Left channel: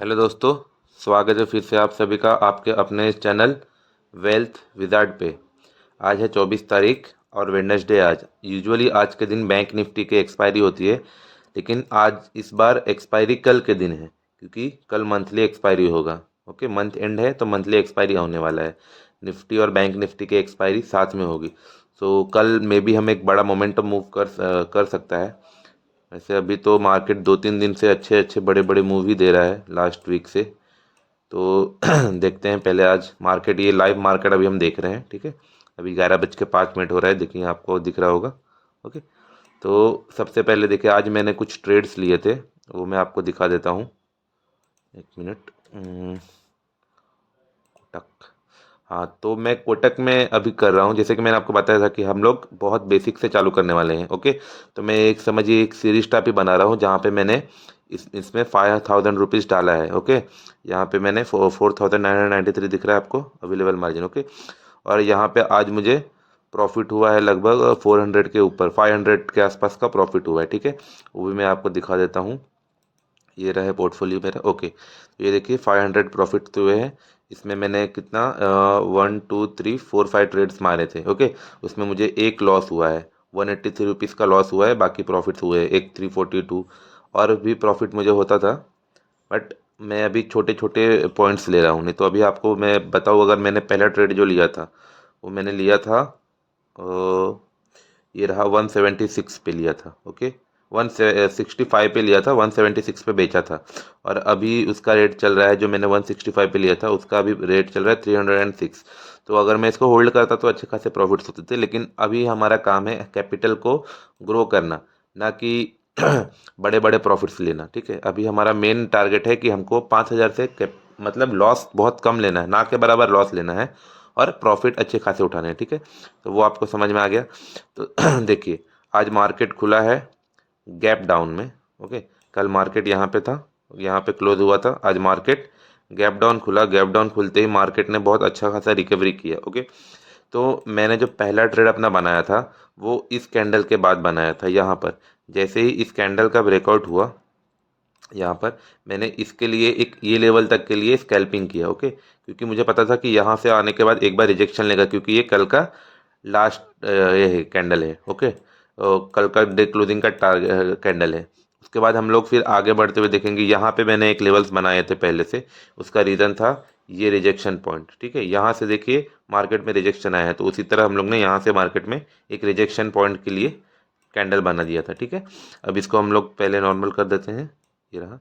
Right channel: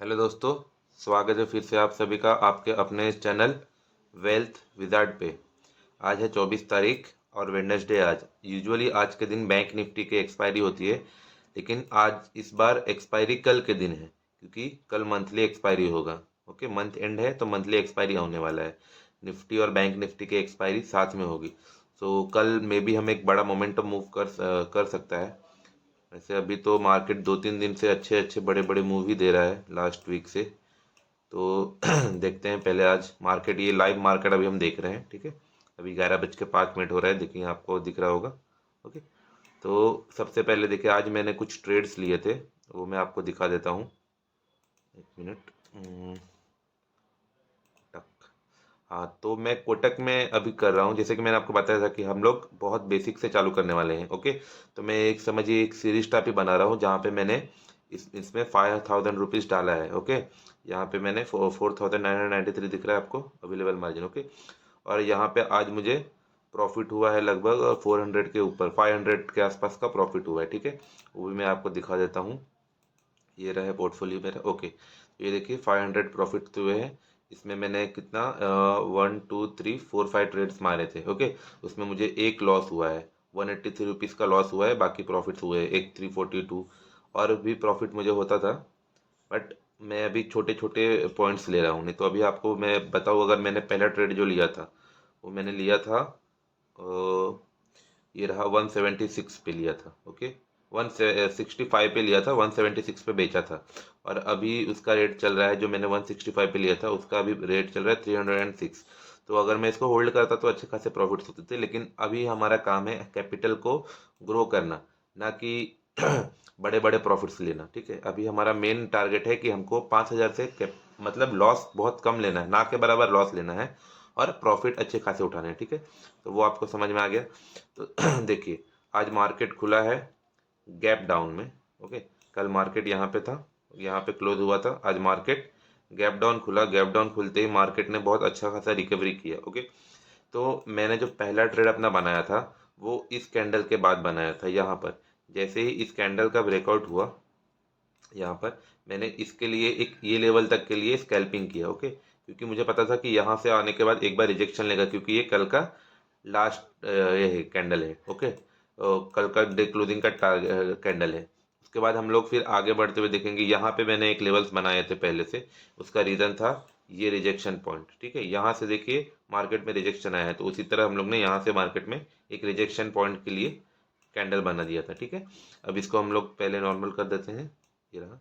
Hello दोस्तों, स्वागत है फिर से आप सभी का आपके अपने चैनल वेल्थ विजार्ड पे। आज है 24 तारीख और वेडनेसडे। आज यूजुअली आज के दिन बैंक निफ्टी की एक्सपायरी होती है, लेकिन आज इस बार एक्सपायरी कल के दिन है क्योंकि कल मंथली एक्सपायरी होगा। ओके, मंथ एंड है तो मंथली एक्सपायरी होने वाला है। निफ्टी और बैंक निफ्टी की एक्सपायरी साथ में होगी। सो कल मे बी हम एक बड़ा मोमेंटम मूव कर सकता है। वैसे अभी तो मार्केट 2-3 दिन से अच्छे अच्छे बड़े बड़े मूव ही दे रहा है लास्ट वीक से। तो देखते हैं पहले आज मार्केट, ये लाइव मार्केट अभी हम देख रहे हैं। ठीक है, अभी 11:05 हो रहा है, देखिए आपको दिख रहा होगा। ओके, तो सबसे पहले देखिए आज मैंने कुछ ट्रेड्स लिए थे, वो मैं आपको दिखा देता हूँ। एक मिनट। कोटक। हाँ, तो मैं कोटक में अभी कर रहा हूँ। जैसे कि मैंने आपको बताया था कि हम लोग बहुत बेसिक से चालू करने वाले हैं। ओके, तो मैं एक समझिए एक सीरीज टाइप ही बना रहा हूँ जहाँ पे मैंने इसमें 5000 रुपीज़ डाला है। ओके, यहाँ पे मैंने 4993 दिख रहा है आपको अवेलेबल मार्जिन। ओके, और यहाँ पे आज मुझे प्रॉफिट हुआ है लगभग 400 के ऊपर, 500 के आसपास का प्रॉफिट हुआ है। ठीक है, वो भी मैं आपको दिखा देता हूँ। ये रहा है पोर्टफोलियो मेरा। ओके, तो ये देखिए 500 प्रॉफिट तो हुए हैं। इसमें मैंने कितना 1 2 3 4 5 ट्रेड्स मारे थे। ओके, उसमें मुझे एक लॉस हुआ है, 183 रुपीज़ का लॉस हुआ है, बाकी प्रॉफिट्स हुए हैं एक 342। और भी प्रॉफिट मुझे होता था, बट मैं अभी छोटे छोटे पॉइंट्स ले रहा हूँ। नहीं तो अभी आपको मैं बताऊँ, अगर मैंने पहला ट्रेड जो लिया था वो मैंने लिया था ये रहा 176 पे लिया था। ओके, 165 पे लिया था, 176 पे बेचा था। और अभी उसका रेट चल रहा है, जो मैंने 165 पे लिया था उसका अभी रेट चल रहा है 306। तो अगर मैं इसको होल्ड करता तो अच्छे खासे प्रॉफिट्स होते थे, लेकिन अभी हमारा काम है कैपिटल को ग्रो करना, ना कि बड़े बड़े प्रॉफिट्स लेना। ठीक है, अभी हमारा मेन टारगेट है कि हमको 5000 से मतलब लॉस बहुत कम लेना है, ना के बराबर लॉस लेना है, और प्रॉफिट अच्छे खासे उठाने हैं। ठीक है, तो वो आपको समझ में आ गया। तो देखिए आज मार्केट खुला है गैप डाउन में। ओके, कल मार्केट यहाँ पे था, यहाँ पे क्लोज हुआ था। आज मार्केट गैप डाउन खुला, गैप डाउन खुलते ही मार्केट ने बहुत अच्छा खासा रिकवरी किया। ओके, तो मैंने जो पहला ट्रेड अपना बनाया था वो इस कैंडल के बाद बनाया था। यहाँ पर जैसे ही इस कैंडल का ब्रेकआउट हुआ, यहाँ पर मैंने इसके लिए एक ये लेवल तक के लिए स्कैल्पिंग किया। ओके, क्योंकि मुझे पता था कि यहाँ से आने के बाद एक बार रिजेक्शन लेगा, क्योंकि ये कल का लास्ट ये कैंडल है। ओके, कल का डे क्लोजिंग का टारगेट कैंडल है। उसके बाद हम लोग फिर आगे बढ़ते हुए देखेंगे। यहाँ पे मैंने एक लेवल्स बनाए थे पहले से, उसका रीज़न था ये रिजेक्शन पॉइंट। ठीक है, यहाँ से देखिए मार्केट में रिजेक्शन आया है, तो उसी तरह हम लोग ने यहाँ से मार्केट में एक रिजेक्शन पॉइंट के लिए कैंडल बना दिया था। ठीक है, अब इसको हम लोग पहले नॉर्मल कर देते हैं। ये रहा।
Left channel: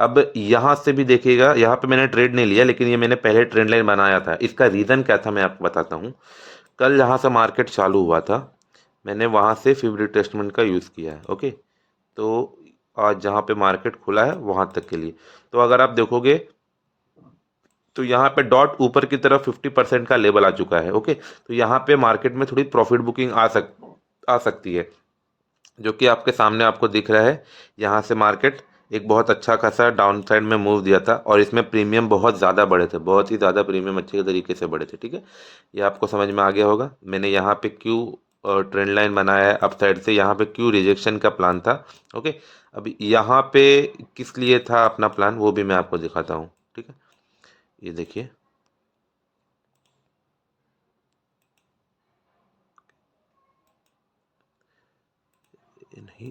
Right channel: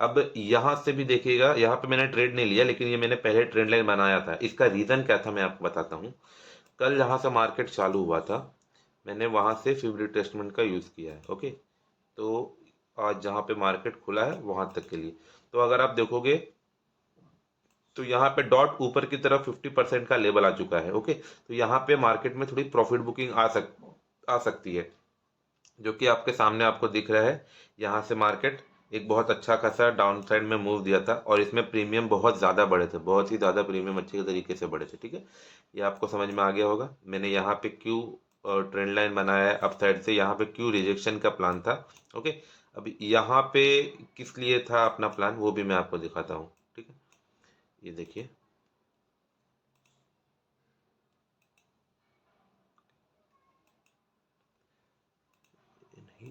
अब यहाँ से भी देखिएगा, यहाँ पे मैंने ट्रेड नहीं लिया, लेकिन ये मैंने पहले ट्रेंड लाइन बनाया था। इसका रीज़न क्या था मैं आपको बताता हूँ। कल जहाँ से मार्केट चालू हुआ था मैंने वहाँ से फिब रिट्रेसमेंट का यूज़ किया है। ओके, तो आज जहाँ पे मार्केट खुला है वहाँ तक के लिए, तो अगर आप देखोगे तो यहाँ पे डॉट ऊपर की तरफ 50% का लेवल आ चुका है। ओके, तो यहाँ पे मार्केट में थोड़ी प्रॉफिट बुकिंग आ सकती है, जो कि आपके सामने आपको दिख रहा है। यहाँ से मार्केट एक बहुत अच्छा खासा डाउन साइड में मूव दिया था, और इसमें प्रीमियम बहुत ज़्यादा बढ़े थे, बहुत ही ज़्यादा प्रीमियम अच्छे तरीके से बढ़े थे। ठीक है, ये आपको समझ में आ गया होगा मैंने यहाँ पे क्यों ट्रेंड लाइन बनाया है अप साइड से, यहाँ पे क्यों रिजेक्शन का प्लान था। ओके, अब यहाँ पे किस लिए था अपना प्लान वो भी मैं आपको दिखाता हूँ। ठीक है, ये देखिए। ये नहीं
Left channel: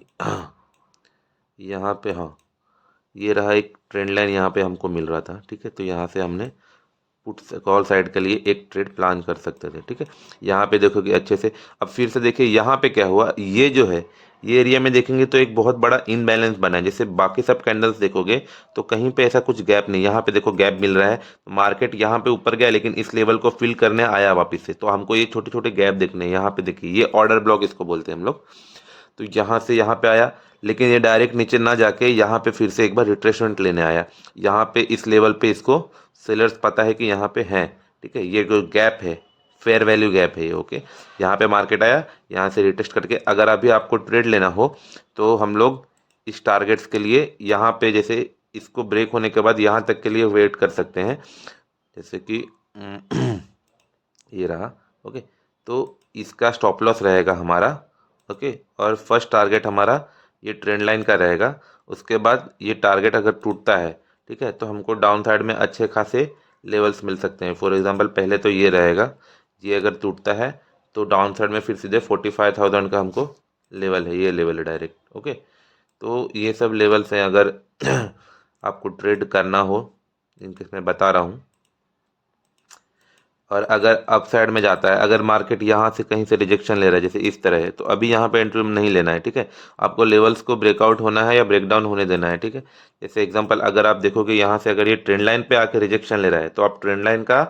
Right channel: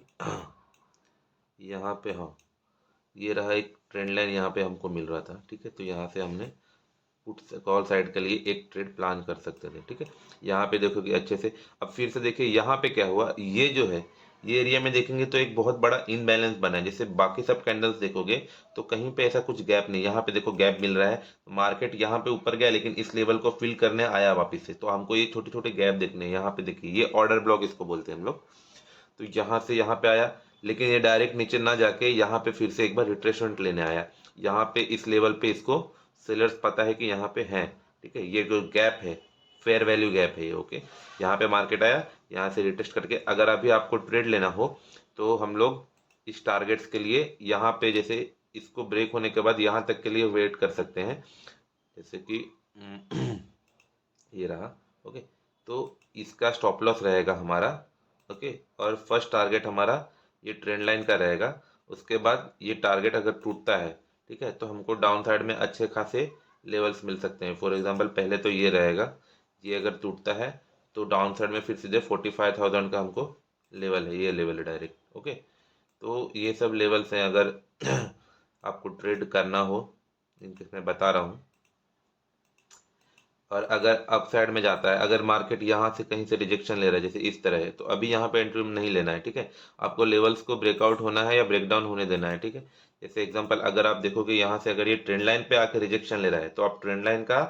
यहाँ पे, हाँ, ये रहा एक ट्रेंड लाइन यहाँ पे हमको मिल रहा था। ठीक है, तो यहाँ से हमने पुट कॉल साइड के लिए एक ट्रेड प्लान कर सकते थे। ठीक है, यहाँ पे देखोगे अच्छे से। अब फिर से देखिए यहाँ पे क्या हुआ, ये जो है ये एरिया में देखेंगे तो एक बहुत बड़ा इनबैलेंस बना है। जैसे बाकी सब कैंडल्स देखोगे तो कहीं पे ऐसा कुछ गैप नहीं, यहाँ पे देखो गैप मिल रहा है। मार्केट यहाँ पे ऊपर गया, लेकिन इस लेवल को फिल करने आया वापस से, तो हमको ये छोटे छोटे गैप देखने हैं। यहाँ पे देखिए ये ऑर्डर ब्लॉक इसको बोलते हैं हम लोग। तो यहाँ से यहाँ पे आया, लेकिन ये डायरेक्ट नीचे ना जाके यहाँ पे फिर से एक बार रिट्रेसमेंट लेने आया। यहाँ पे इस लेवल पे इसको सेलर्स पता है कि यहाँ पे हैं। ठीक है, ये जो गैप है फेयर वैल्यू गैप है ये। ओके, यहाँ पे मार्केट आया, यहाँ से रिटेस्ट करके अगर अभी आपको ट्रेड लेना हो तो हम लोग इस टारगेट्स के लिए यहाँ पे जैसे इसको ब्रेक होने के बाद यहाँ तक के लिए वेट कर सकते हैं। जैसे कि ये रहा। ओके, तो इसका स्टॉप लॉस रहेगा हमारा। ओके, और फर्स्ट टारगेट हमारा ये ट्रेंड लाइन का रहेगा। उसके बाद ये टारगेट अगर टूटता है ठीक है। तो हमको डाउन साइड में अच्छे खासे लेवल्स मिल सकते हैं। फॉर एग्जांपल पहले तो ये रहेगा, ये अगर टूटता है तो डाउन साइड में फिर सीधे 45,000 का हमको लेवल है, ये लेवल है डायरेक्ट। ओके, तो ये सब लेवल्स हैं अगर आपको ट्रेड करना हो, इनके मैं बता रहा हूँ। और अगर अप साइड में जाता है, अगर मार्केट यहाँ से कहीं से रिजेक्शन ले रहा है जैसे इस तरह है, तो अभी यहाँ पे एंट्री नहीं लेना है। ठीक है, आपको लेवल्स को ब्रेकआउट होना है या ब्रेकडाउन होने देना है। ठीक है, जैसे एग्जांपल अगर आप देखोगे यहाँ से अगर ये ट्रेंड लाइन पे आके रिजेक्शन ले रहा है, तो आप ट्रेंड लाइन का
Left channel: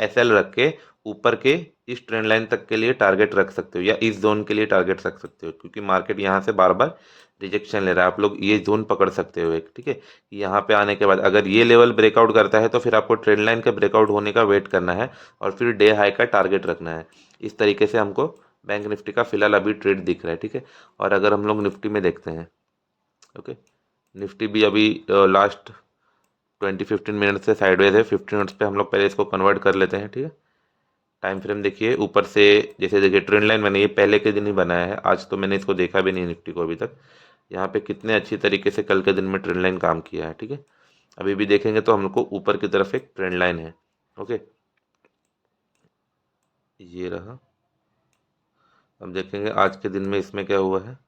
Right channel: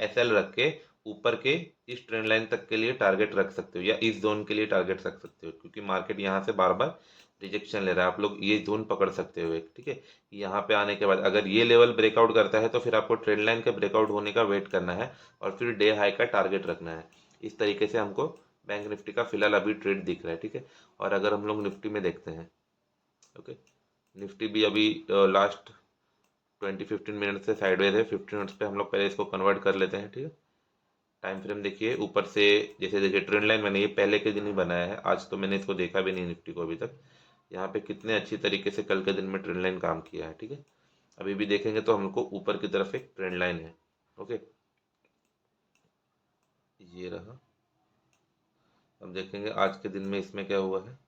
एसएल रख के ऊपर के इस ट्रेंड लाइन तक के लिए टारगेट रख सकते हो, या इस जोन के लिए टारगेट रख सकते हो, क्योंकि मार्केट यहाँ से बार बार रिजेक्शन ले रहा है। आप लोग ये जोन पकड़ सकते हो एक। ठीक है, यहाँ पे आने के बाद अगर ये लेवल ब्रेकआउट करता है तो फिर आपको ट्रेंड लाइन के ब्रेकआउट होने का वेट करना है और फिर डे हाई का टारगेट रखना है। इस तरीके से हमको बैंक निफ्टी का फिलहाल अभी ट्रेड दिख रहा है। ठीक है, और अगर हम लोग निफ्टी में देखते हैं, ओके, निफ्टी भी अभी लास्ट 20-15 मिनट से साइडवेज है। 15 मिनट्स पे हम लोग पहले इसको कन्वर्ट कर लेते हैं। ठीक है, टाइम फ्रेम देखिए ऊपर से, जैसे देखिए ट्रेंड लाइन मैंने ये पहले के दिन ही बनाया है, आज तो मैंने इसको देखा भी नहीं निफ्टी को अभी तक। यहाँ पे कितने अच्छी तरीके से कल के दिन में ट्रेंड लाइन काम किया है। ठीक है, अभी भी देखेंगे तो हमको ऊपर की तरफ एक ट्रेंड लाइन है। ओके, ये रहा। अब देखेंगे आज के दिन में इसमें क्या हुआ है।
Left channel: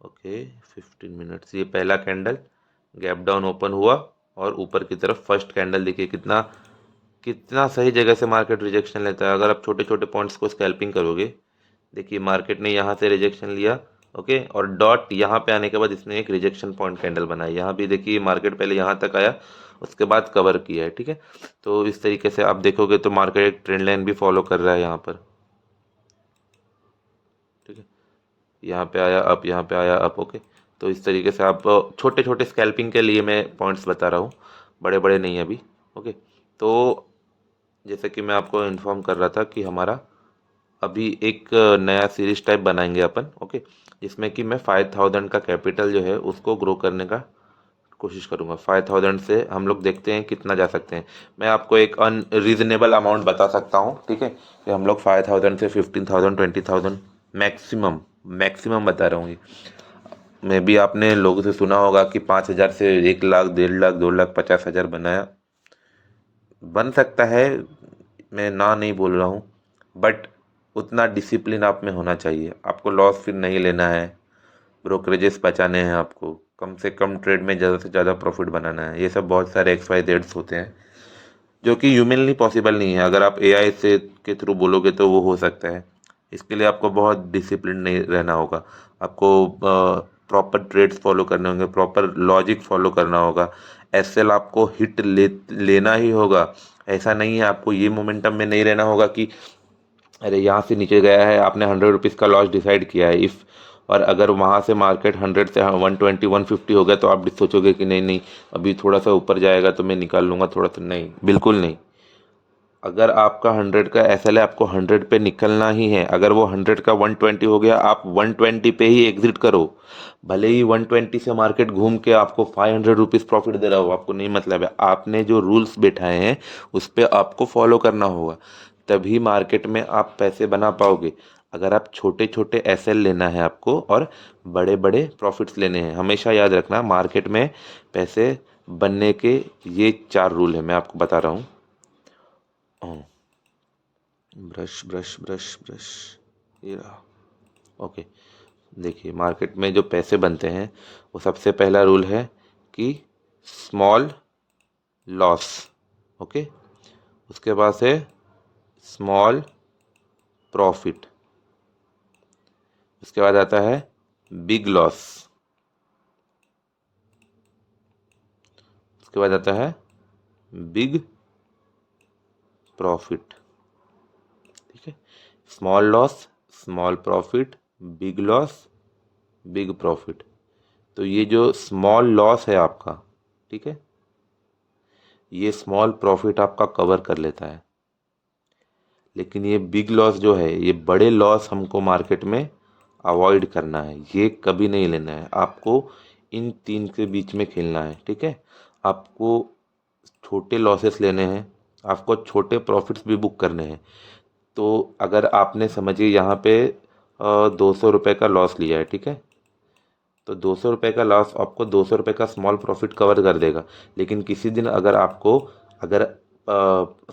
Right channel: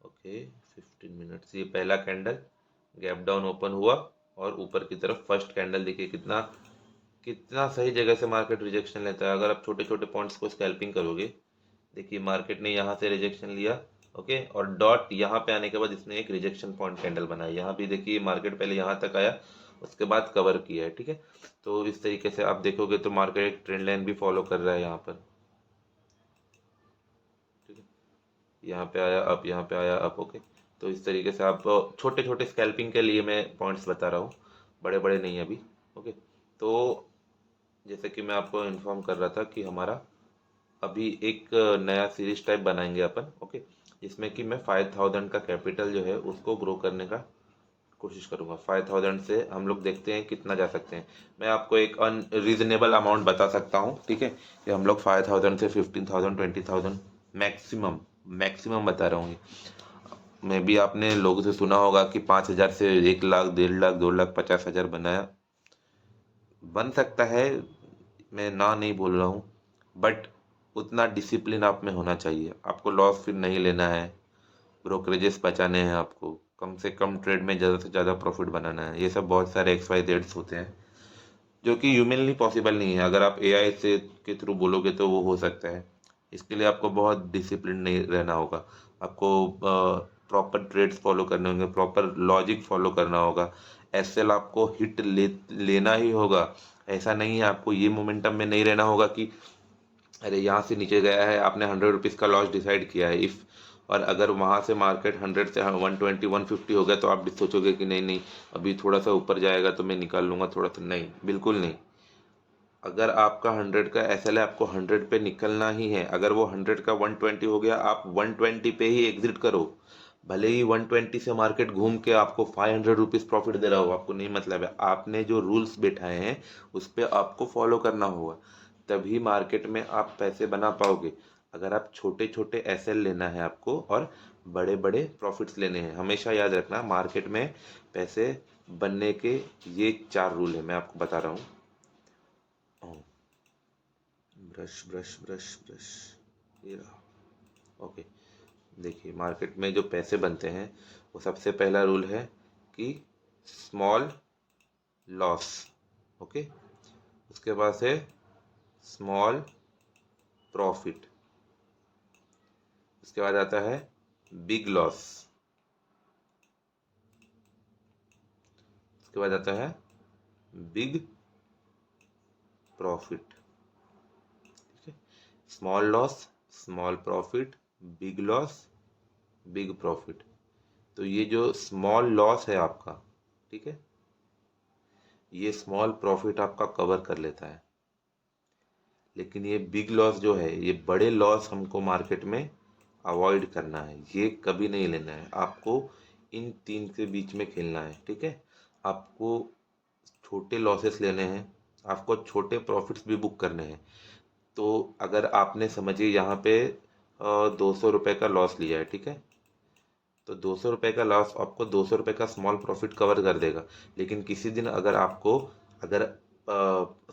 ओके, 15 मिनट्स, ये पहला कैंडल गैप डाउन ओपन हुआ और ऊपर की तरफ फर्स्ट कैंडल देखिए कितना कितना सही जगह से मार्केट रिजेक्शन लेता है। अगर आप छोटे छोटे पॉइंट्स को स्कैल्पिंग करोगे, देखिए मार्केट ने यहाँ से रिजेक्शन लिया, ओके, और डॉट यहाँ पे आने के बाद इसने एक रिजेक्शन पॉइंट कैंडल बनाई। यहाँ भी देखिए मार्केट पहले यहाँ तक आया, उसके बाद कवर किया है। ठीक है, तो इस तरीके से आप देखोगे तो मार्केट एक ट्रेंड लाइन भी फॉलो कर रहा है यहाँ पर। ठीक है, यहाँ पे आया अप, यहाँ पे आया अप। ओके, तो इस तरीके से आप छोटे छोटे स्कैल्पिंग के लिए मैं पॉइंट्स बता रहा हूँ, बड़े बड़े नहीं अभी। ओके, तो जैसे कि मैं आपको इन्फॉर्म कर रहा था कि हमारा अभी एक नया सीरीज टाइप बनाएंगे अपन। ओके, जिसमें कि मैं 5,000 का कैपिटल जो है उसको ग्रो करने का कोशिश करूंगा। 5,000 से हम लोग देखते हैं कितना जा सकते हैं। मैं आपको एक अनरीजनेबल अमाउंट बता सकता हूँ। ठीक है, कि हम लोग 5,000 से 15,000 20,000 मैक्सिमम मैक्सिमम बता रहा हूँ ये। मैं भी आपने लोगों से सुना होगा कि 5,000 से 1 लाख 1.5 लाख 2,50,000 बनाया, बन सकता है, मैं ना नहीं बोल रहा हूँ, बट उतना डिसिप्लिन आप में होना चाहिए। आपको लॉस फिर नहीं लेना है, ब्रोकरेजेस बचाने हैं, आपको कम से कम ट्रेड में ज़्यादा से ज़्यादा प्रॉफिट बनाना है। ये सब बहुत सारे XYZ होते हैं जो कि ह्यूमनली पॉसिबल नहीं है। अगर आप AI से के थ्रू बोलोगे तो वो हो सकता है। इसके लिए आपको बहुत डिसिप्लिन नहीं रहना होगा, आपको प्रॉपर ट्रेड्स फॉलो करने होंगे, प्रॉपर लॉजिक फॉलो करना होगा। SL आपको हिट लेना ही होगा। ऐसा नहीं है, आपको ये मोमेंटम में नहीं रहना होगा कि अरे यहाँ से नीचे गया है, आपने 100 रुपीज़ का लॉस डिसाइड किया है इफ़, और अगर वहाँ से मार्केट 100 से 120 150 हो गया तो आप सोचोगे कि नहीं नहीं अभी थोड़ा सा ऊपर जाएगा तो मैं निकाल लूँगा थोड़ा सा। नहीं, बिल्कुल नहीं। अगर आपका 100 का SL है, आपको 100 पे निकलना ही है। अगर वो 100 का 120 हो गया, आप 120 पे ही एग्जिट करो। भले ही 120 से मार्केट घूम के आपको 500 रुपीज़ प्रॉफिट दे रहा हो, आपको नहीं मतलब है। आपने जो रूल्स बैठाए हैं उस पर आपको फॉलो करना होगा, तभी मार्केट में आप पैसे बना पाओगे। अगर आप छोटे छोटे SL लेना है आपको और बड़े बड़े प्रॉफिट्स लेने हैं, हमेशा याद रखना मार्केट में पैसे बनने के ये 4 रूल है, मैं आपको बता रहा हूँ। ब्रश ब्रश ब्रश ब्रश, ये रहा। ओके, देखिए मार्केट में जो पैसे बनते हैं वो सबसे पहला रूल है कि स्मॉल लॉस। ओके, उसके बाद है स्मॉल प्रॉफिट, उसके बाद आता है बिग लॉस, उसके बाद आता है बिग प्रॉफिट। ठीक है, small loss, small profit, big loss, big profit. तो ये जो स्मॉल लॉस है आपका, ठीक है, ये स्मॉल प्रॉफिट आपका कवर कर लेता है। लेकिन ये बिग लॉस जो है, ये बड़े लॉस हमको मार्केट में अवॉइड करना है, ये कभी नहीं लेना है। आपको इन तीन के बीच में खेलना है। ठीक है, आपको छोटे लॉसेस लेने हैं, आपको छोटे प्रॉफिट्स भी बुक करने हैं। तो अगर आपने समझिए यहाँ पे 200 रुपये का लॉस लिया है, ठीक है, तो 200 रुपये का लॉस आपको 200 रुपये का स्मॉल प्रॉफिट कवर कर देगा। लेकिन किसी दिन अगर आपको, अगर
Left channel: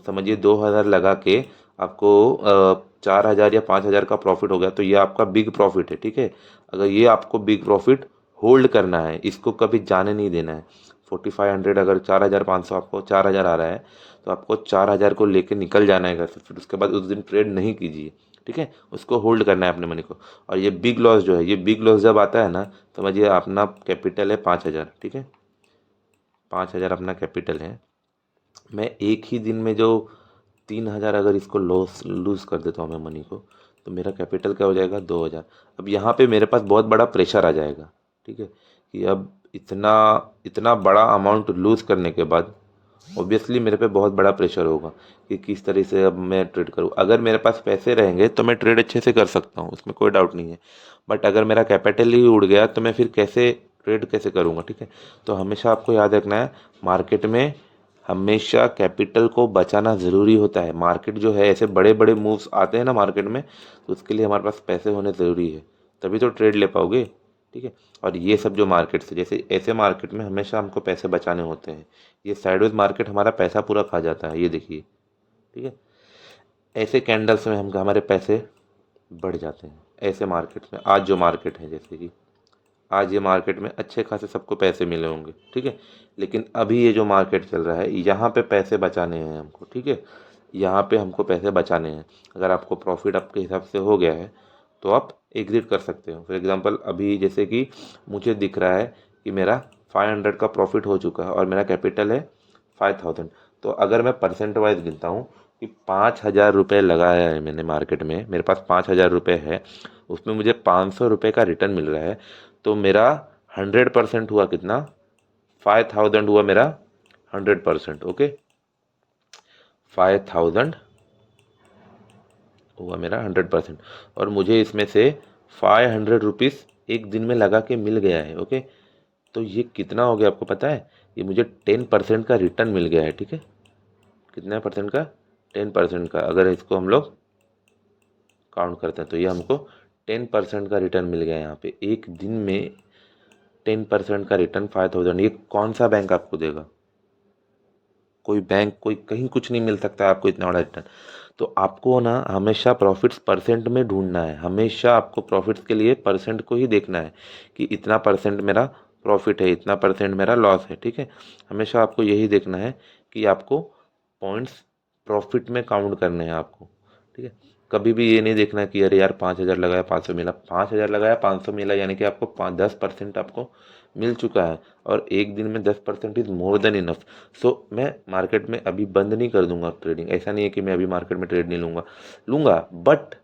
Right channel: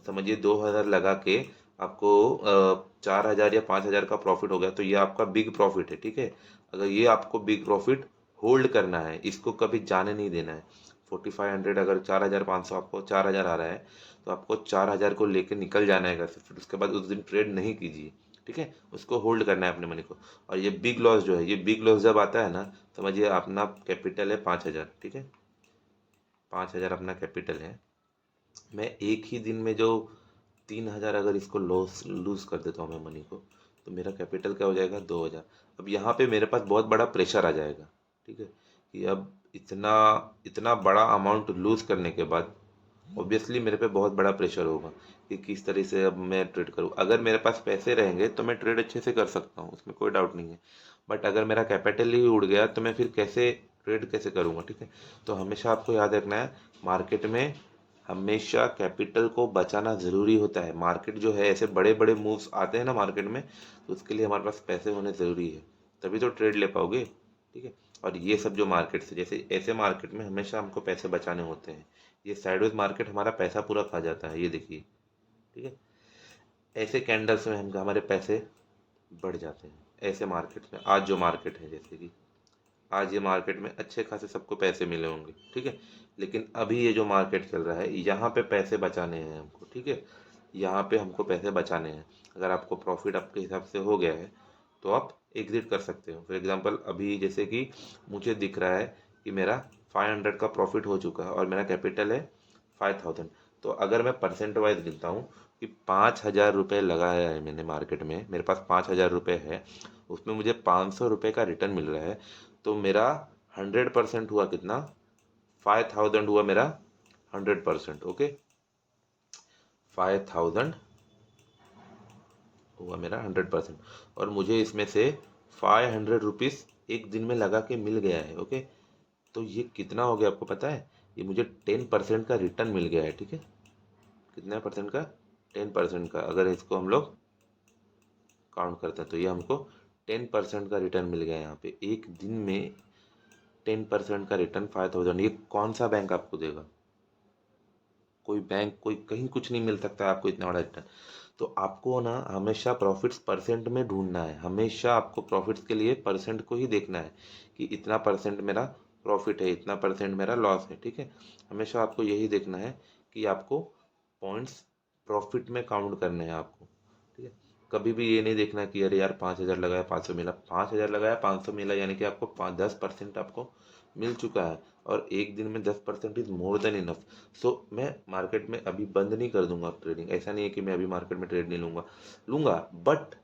समझिए 2,000 लगा के आपको 4,000 या 5,000 का प्रॉफिट हो गया, तो ये आपका बिग प्रॉफिट है, ठीक है। अगर ये आपको बिग प्रॉफिट होल्ड करना है, इसको कभी जाने नहीं देना है। 4500, अगर 4,500 आपको 4,000 आ रहा है, तो आपको 4,000 को लेके निकल जाना है घर से, फिर उसके बाद उस दिन ट्रेड नहीं कीजिए, ठीक है। उसको होल्ड करना है अपने मनी को। और ये बिग लॉस जो है, ये बिग लॉस जब आता है ना, समझिए अपना कैपिटल है 5,000, ठीक है। 5,000 अपना कैपिटल है। मैं एक ही दिन में जो 3,000 अगर इसको लॉस लूज़ कर देता हूँ मैं मनी को, तो मेरा कैपिटल क्या हो जाएगा, 2,000। अब यहाँ पे मेरे पास बहुत बड़ा प्रेशर आ जाएगा, ठीक है, कि अब इतना इतना बड़ा अमाउंट लूज़ करने के बाद ऑब्वियसली मेरे पे बहुत बड़ा प्रेशर होगा कि किस तरह से अब मैं ट्रेड करूँ। अगर मेरे पास पैसे रहेंगे तो मैं ट्रेड अच्छे से कर सकता हूँ, उसमें कोई डाउट नहीं है। बट अगर मेरा कैपिटल ही उड़ गया तो मैं फिर कैसे ट्रेड कैसे करूँगा, ठीक है। तो हमेशा आपको याद रखना है, मार्केट में हमेशा कैपिटल को बचाना ज़रूरी होता है। मार्केट जो है, ऐसे बड़े बड़े मूव्स आते हैं ना मार्केट में, तो उसके लिए हमारे पास पैसे होने ज़रूरी है, तभी तो ट्रेड ले पाओगे, ठीक है। और ये सब जो मार्केट से, जैसे ऐसे मार्केट में हमेशा हमको पैसे बचाने होते हैं। ये साइडवेज मार्केट हमारा पैसा पूरा खा जाता है, ये देखिए, ठीक है। ऐसे कैंडल्स में हम हमारे पैसे बढ़ जाते हैं। ऐसे मार्केट में, आज जो मार्केट है, जैसे कि आज ये मार्केट में अच्छे खासे सबको पैसे मिले होंगे, ठीक है। लेकिन अभी ये जो मार्केट चल रहा है, यहाँ पे पैसे बचाने हैं हमको, ठीक है। यहाँ पे हमको पैसे बचाने हैं। अगर आपको प्रॉफिट आपके हिसाब से हो गया है, तो आप एग्जिट कर सकते हो। फॉर एग्जांपल अभी जैसे कि मुझे दिख रहा है कि मेरा 500 का प्रॉफिट हो चुका है और मेरा कैपिटल है 5,000। तो अगर मैं परसेंट वाइज गिनता हूँ कि 5,000 रुपये लगाया है मैंने मार्केट में, मेरे पास 5,000 रुपये है, उसमें मुझे 500 रुपये का रिटर्न मिल रहा है, तो मेरा 100% हुआ कितना, 5,000 हुआ मेरा 100%, ओके। 5,000 हुआ मेरा 100%। और मुझे इसमें से 500 रुपीज़ एक दिन में लगा के मिल गया है, ओके। तो ये कितना हो गया आपको पता है, ये मुझे 10% का रिटर्न मिल गया है, ठीक है। कितना परसेंट का, 10% का। अगर इसको हम लोग काउंट करते हैं तो ये हमको 10% का रिटर्न मिल गया है यहाँ पे एक दिन में। 10% का रिटर्न 5,000, ये कौन सा बैंक आपको देगा? कोई बैंक, कोई कहीं कुछ नहीं मिल सकता है आपको इतना बड़ा रिटर्न। तो आपको ना हमेशा प्रॉफिट्स परसेंट में ढूंढना है। हमेशा आपको प्रॉफिट्स के लिए परसेंट को ही देखना है कि इतना परसेंट मेरा प्रॉफिट है, इतना परसेंट मेरा लॉस है, ठीक है। हमेशा आपको यही देखना है कि आपको पॉइंट्स प्रॉफिट में काउंट करने हैं आपको, ठीक है। कभी भी ये नहीं देखना कि अरे यार 5,000 लगाया 500 मिला, 5,000 लगाया 500 मिला, यानी कि आपको 10% आपको मिल चुका है। और एक दिन में 10% इज़ मोर देन इनफ। सो मैं मार्केट में अभी बंद नहीं कर दूंगा ट्रेडिंग। ऐसा नहीं है कि मैं अभी मार्केट में ट्रेड नहीं लूँगा, लूँगा। बट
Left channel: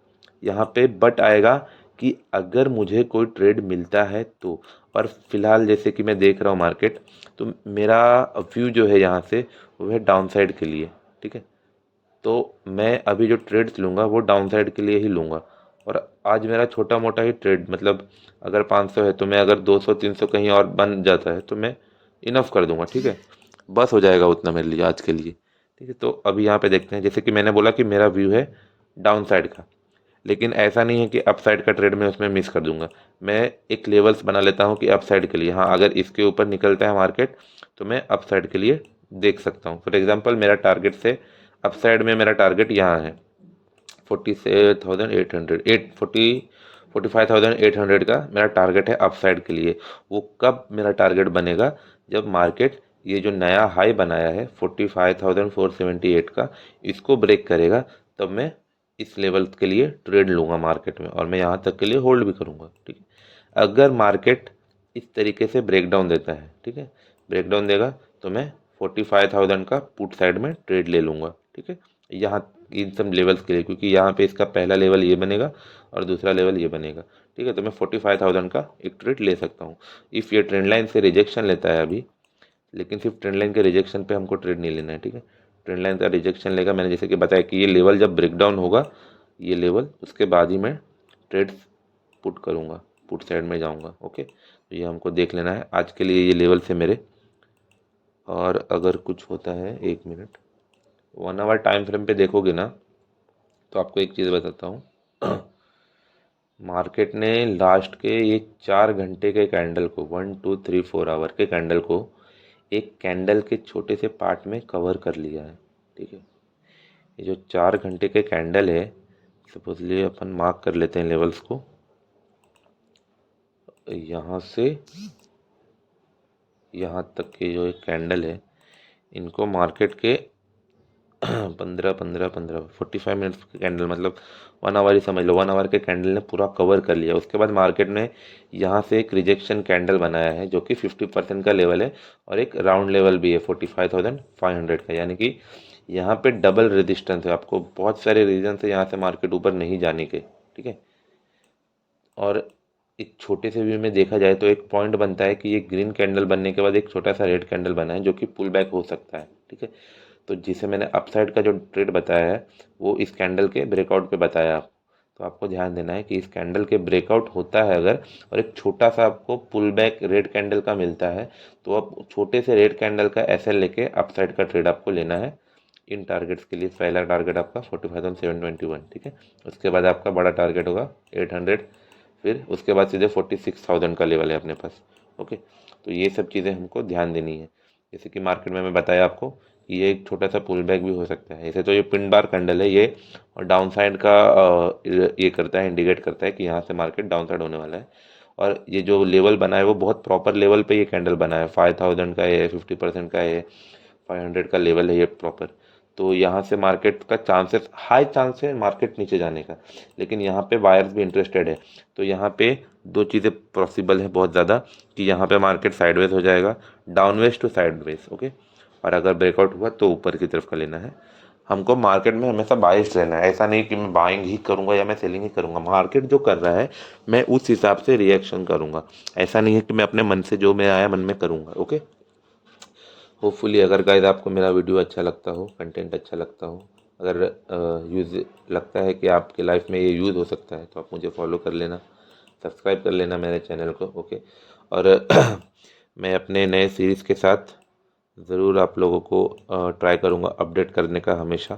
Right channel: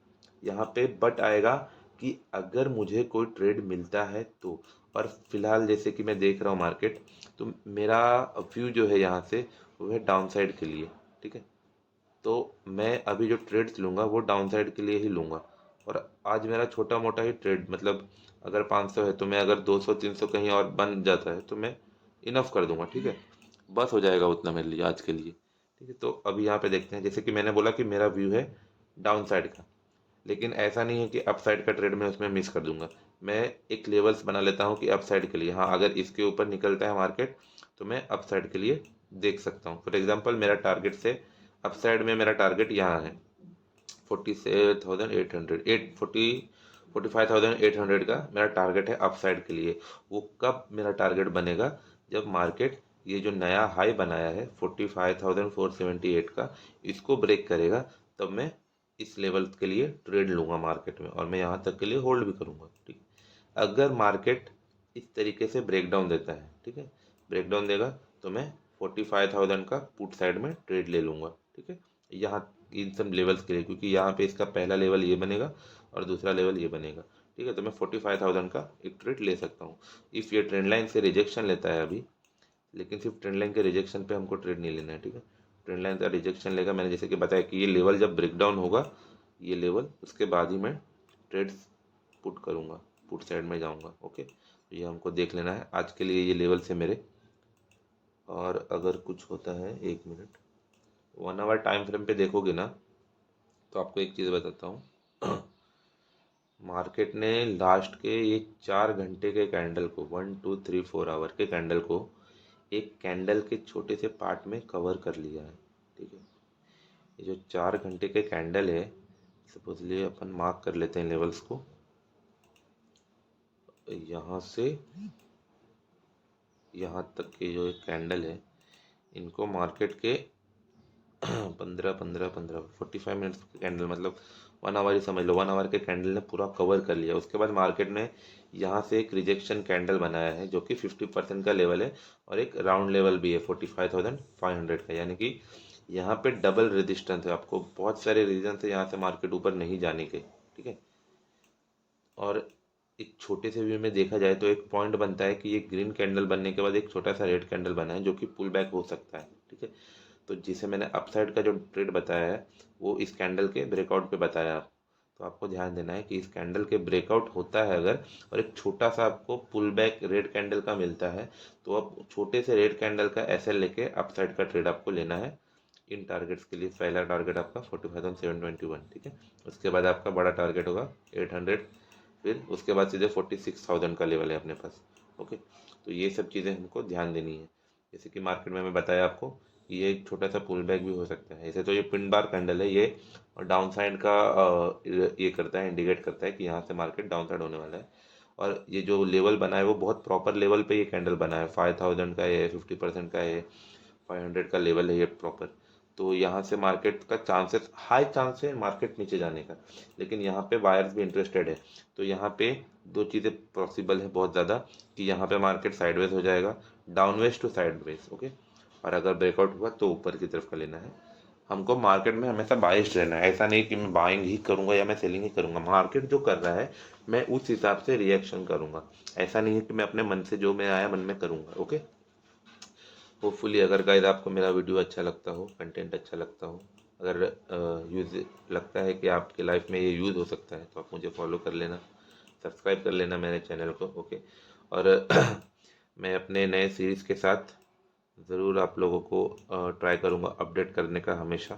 यहाँ पे बट आएगा कि अगर मुझे कोई ट्रेड मिलता है तो। और फिलहाल जैसे कि मैं देख रहा हूँ मार्केट, तो मेरा व्यू जो है यहाँ से, वो है डाउन साइड के लिए, ठीक है। तो मैं अभी जो ट्रेड्स लूँगा वो डाउन साइड के लिए ही लूँगा। और आज मेरा छोटा मोटा ही ट्रेड, मतलब अगर 500 है तो मैं, अगर 200 300 कहीं और बन जाता है तो मैं इनफ कर दूंगा, ठीक है। बस हो जाएगा उतना मेरे लिए आज के लिए, ठीक है। तो अभी यहाँ पे देखते हैं, जैसे कि मैंने बोला कि मेरा व्यू है डाउन साइड का। लेकिन ऐसा नहीं है कि अप साइड का ट्रेड मैं उसमें मिस कर दूंगा। मैं एक लेवल्स बना लेता हूँ कि अप साइड के लिए, हाँ अगर इसके ऊपर निकलता है मार्केट तो मैं अप साइड के लिए देख सकता हूँ। फॉर एग्जांपल मेरा टारगेट से अप साइड में मेरा टारगेट यहाँ है 47,800, 45,800 का मेरा टारगेट है अप साइड के लिए। वो कब मेरा टारगेट बनेगा, जब मार्केट ये जो नया हाई बनाया है 45,478 का, इसको ब्रेक करेगा, तब मैं इस लेवल के लिए ट्रेड लूँगा मार्केट में, और मैं यहाँ तक के लिए होल्ड भी करूँगा, ठीक है। अगर मार्केट इस तरीके से ब्रेकडाउन देता है, ठीक है, ब्रेकडाउन देगा, तो मैं 45,000 का पुट साइड में ट्रेड ले लूँगा, ठीक है। यहाँ इन सब लेवल्स के लिए, क्योंकि यहाँ पे इसका पहला लेवल ये बनेगा और दूसरा लेवल ये बनेगा, ठीक है। तो मैं 45,000 का एक ट्रेड ले सकता हूँ। इफ़ ये ट्रेंड लाइन से रिजेक्शन लेता है अभी, लेकिन सिर्फ ट्रेंड लाइन के रिजेक्शन पे हमको ट्रेड नहीं लेना है, ठीक है। ट्रेंड लाइन का रिजेक्शन लेगा, मैंने जैसे कि बताया कि ये लेवल जब ब्रेकडाउन होगा, ये लेवल, उसके बाद ही मैं ट्रेड्स पुट करूँगा, पुट साइड में जाऊँगा, ओके। तो ये हमको देख लेना है आज के लिए, ये लेवल से मेरे। और अगर कुछ होता है, 1 मिनट, 1 आवर टाइम फ्रेम पे देखोगे ना, तो आपको एक चीज़ बताता हूँ। मार्केट ने लास्ट के ये 4 घंटे के कैंडल को 1 2 3 4 आवर के कैंडल को एक कैंडल के छोटे से पार्ट में कवर कर लिया है। ठीक है, ये जो 4 घंटे के कैंडल है, सपोजली अपन मार्क कर लेते हैं लेवल्स को, यहाँ से यहाँ तक के जो एक कैंडल है, इनको मार्केट के 15 15 15 45 मिनट्स के कैंडल, मतलब 1 आवर ही समझ लो, 1 आवर के कैंडल ने पूरा कवर कर लिया। उसके बाद मार्केट ने यहाँ से एक रिजेक्शन कैंडल बनाया है जो कि 50% का लेवल है और एक राउंड लेवल भी है 45,500 का, यानी कि यहाँ पे डबल रेजिस्टेंस है। आपको बहुत सारे रीजन है यहाँ से मार्केट ऊपर नहीं जाने के। ठीक है, और एक छोटे से व्यू में देखा जाए तो एक पॉइंट बनता है कि ये ग्रीन कैंडल बनने के बाद एक छोटा सा रेड कैंडल बना है जो कि पुल बैक हो सकता है। ठीक है, तो जिसे मैंने अपसाइड का जो ट्रेड बताया है वो इस कैंडल के ब्रेकआउट पे बताया आप। तो आपको ध्यान देना है कि इस कैंडल के ब्रेकआउट होता है अगर, और एक छोटा सा आपको पुल बैक रेड कैंडल का मिलता है, तो आप छोटे से रेड कैंडल का एसएल लेके अपसाइड का ट्रेड आपको लेना है इन टारगेट्स के लिए। पहला टारगेट आपका 45,721। ठीक है, उसके बाद आपका बड़ा टारगेट होगा 800, फिर उसके बाद सीधे 46,000 का लेवल है अपने पास। ओके, तो ये सब चीज़ें हमको ध्यान देनी है। जैसे कि मार्केट में मैं बताया आपको कि ये एक छोटा सा पुल बैक भी हो सकता है। ऐसे तो ये पिन बार कैंडल है, ये और डाउन साइड का ये करता है, इंडिकेट करता है कि यहाँ से मार्केट डाउन साइड होने वाला है। और ये जो लेवल बना है वो बहुत प्रॉपर लेवल पे ये कैंडल बना है, 5,000 का है, 50% का है, 500 का लेवल है ये प्रॉपर। तो यहाँ से मार्केट का चांसेस, हाई चांस है मार्केट नीचे जाने का, लेकिन यहाँ पे बायर्स भी इंटरेस्टेड है। तो यहाँ पे दो चीज़ें पॉसिबल है बहुत ज़्यादा, कि यहाँ पे मार्केट साइडवेज हो जाएगा, डाउनवेज टू साइडवेज। ओके, और अगर ब्रेकआउट हुआ तो ऊपर की तरफ का लेना है। हमको मार्केट में हमेशा बाइस्ड रहना है, ऐसा नहीं कि मैं बाइंग ही करूँगा या मैं सेलिंग ही करूँगा। मार्केट जो कर रहा है मैं उस हिसाब से रिएक्शन करूँगा, ऐसा नहीं है कि मैं अपने मन से जो मैं आया मन में करूँगा। ओके, होपफुली अगर गाइस आपको मेरा वीडियो अच्छा लगता हो, कंटेंट अच्छा लगता हो, अगर यूज़ लगता है कि आपके लाइफ में ये यूज़ हो सकता है, तो आप मुझे फॉलो कर लेना, सब्सक्राइब कर लेना मेरे चैनल को। ओके, और मैं अपने नए सीरीज़ के साथ ज़रूर आप लोगों को ट्राई करूँगा अपडेट करने का हमेशा।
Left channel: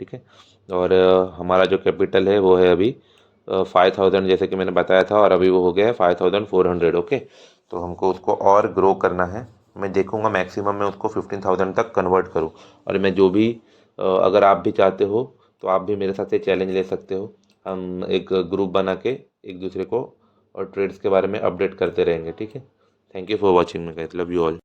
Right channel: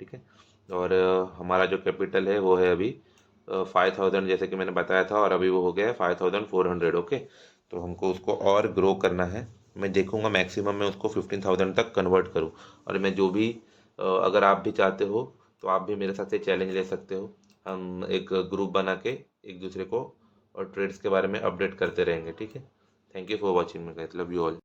ठीक है, और हमारा जो कैपिटल है वो है अभी 5,000 जैसे कि मैंने बताया था, और अभी वो हो गया है 5,400। ओके, तो हमको उसको और ग्रो करना है। मैं देखूँगा मैक्सिमम मैं उसको 15,000 तक कन्वर्ट करूँ। और मैं जो भी अगर आप भी चाहते हो तो आप भी मेरे साथ ये चैलेंज ले सकते हो। हम एक ग्रुप बना के एक दूसरे को और ट्रेड्स के बारे में अपडेट करते रहेंगे। ठीक है, थैंक यू फॉर वॉचिंग, मैं लव यू ऑल।